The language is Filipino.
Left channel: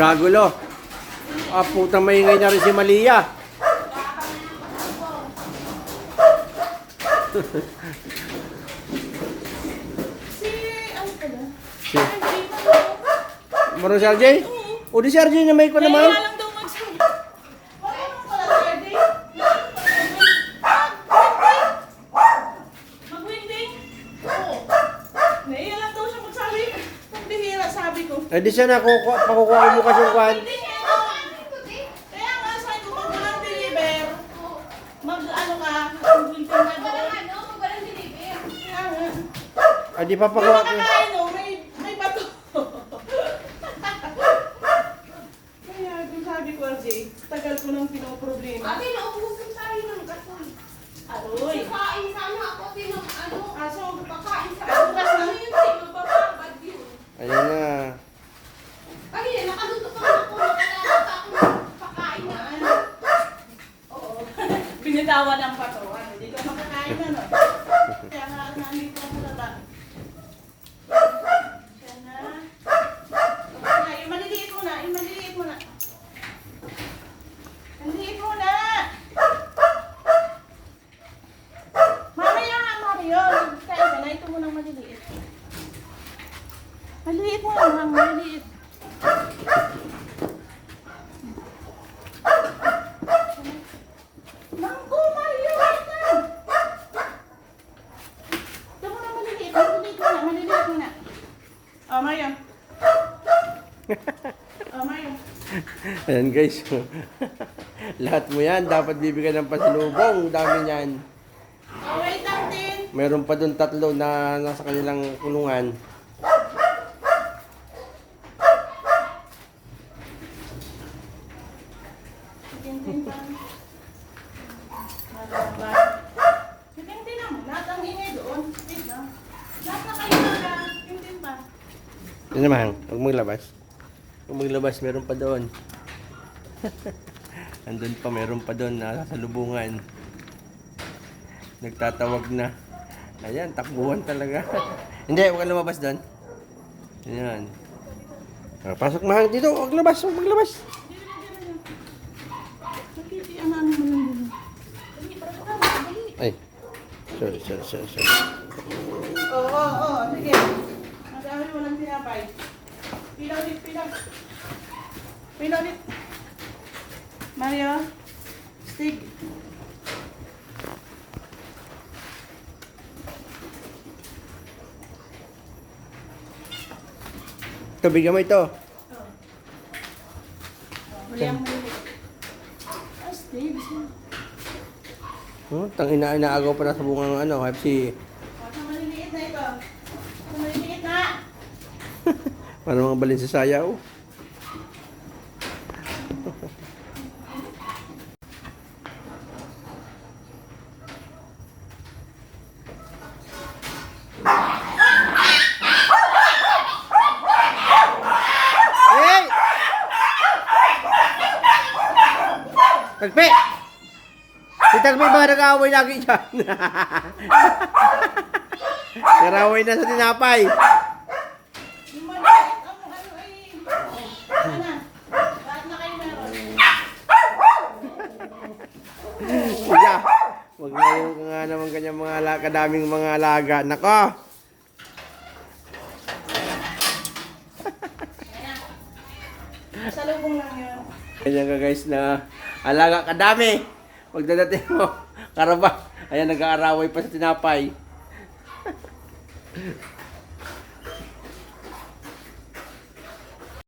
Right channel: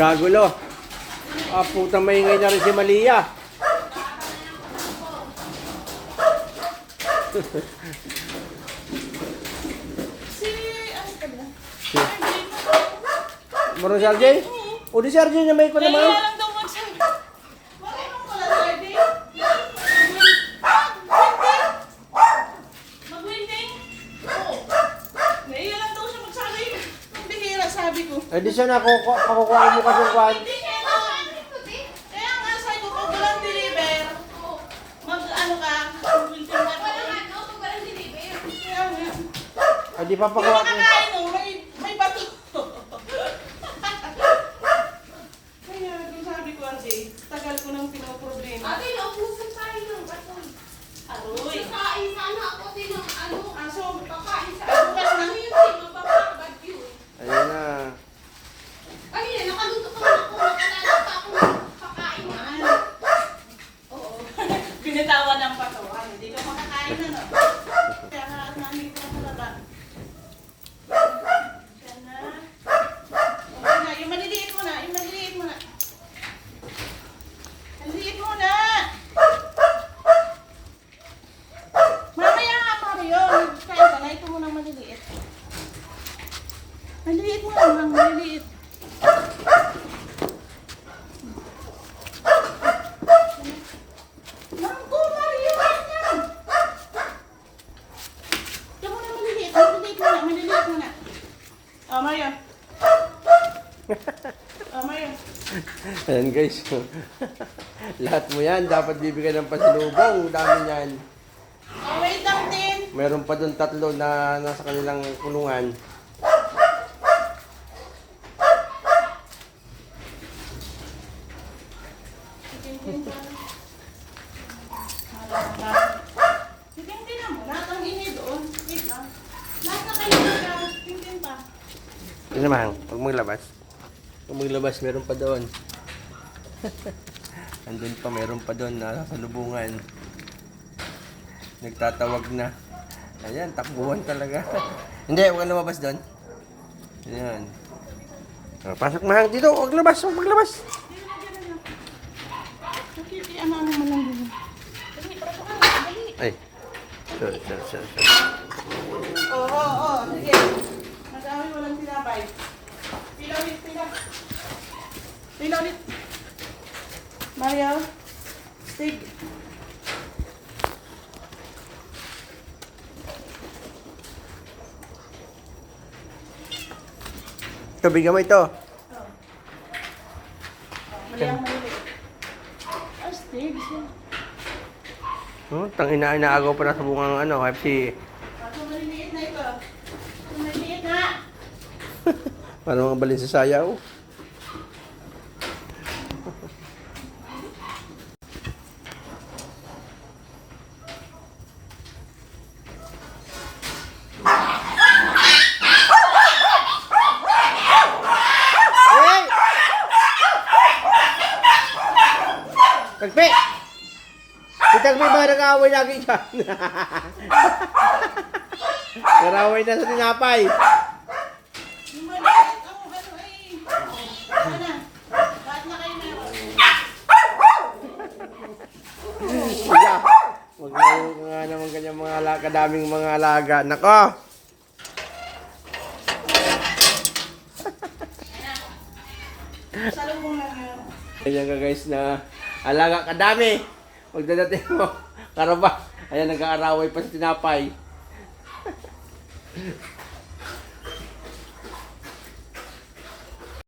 Kagulo. Ah, putang maingay na rin si Malia. Ano pala? Maro si RJ? O di si RJ na may ko naman. Kaya lang daw magsabi. Wala nang pala, Saturday. Mag-winding? Oo. Naiya lang daw siya magsabi. Pagbihira, sabi ko. Eh di siya pakukuha mo kasi yung kwan. Hindi, kaya nga sabi ko, pag walang deliver, mag-ano ka, mag-winding ka doon. Kaya nga. Eh di papakuha ko. Nakakain, no? May bato. Kaya kung sabi ko, RJ, tagal ko nang pinoproblema. Ate, naubusan tayo ng gasol. Aroy. Kain sana ako din ng ano. Aso, Pakain sa Bukas na. Ano yun, si mapapabad yun. Ayan na. Ay, nakaluto pa na ako. Nakalala pa ako ng pakain na ano. oo. Binitawan ng bato. Hindi ka makakain na, no? Kaya nga, nandito ang tulaba. Kaya na. Okay na, yung maliliit mo na, yung maliliit mo na. Maliliit mo na! Mamaya nga, Mario. Kaya ka na, ito mo nang maliliit. Maliliit mo lang, maliliit. Mangko, Mario, wait lang. Ito mo na maliliit, maliliit mo na. Oh, Mario. Oh, Mario. Ayan guys. Lahat mo yan. Dapat bibigyan ng pasalubong. Dami yan. Oh, wait lang din. Meron pa doon 3 na nasa kanilang kulungan. Sikintin pa. Wala ba? Sikintin na mo. Lahat ang ini doon. Wait lang. Lahat na kayo na. Sikintin pa. Ano naman? Huwag maglabas. Huwag maglabas. Meron pa doon. Andun pa. Meron pa doon na sa lubungan. Nagtatawag na. Ayan. Takbuhan talaga. Hindi. Huwag kang lumabas doon. Ayan. Oh, pasok mahang dito. Huwag labas. Huwag maglabas. Nakitiyan ano mo lang din. Dali, pasok ka na. Dali. Ay. Sorry. Oo. Sige. Mag-awi walang tinapay. Pila ulit. Pila ulit. Mario. Stig. Ito, bigyan mo ito. Maliang maliliit. Ah, Stig. Oh, inaagaw pa na sa bungang ano, FC. Ito maliliit na ito. Ito maliliit na. Para mga balin sa sayaw. Hey! Tagpi! Si Tagpi ba nag-aaway lagi dyan? Naraway na sa tinapay. Yung maliit ang ano ay. Ano na? Lahat na kayo meron. Kuya, huwag ngayon ka nga naman ganyan mga kadaming mga alaga. Nako! Salubong lang yan. Ganyan ka guys na alaga kadami. Magdadating mo. Karaba. Ayan, nag-aaraway pa sa tinapay.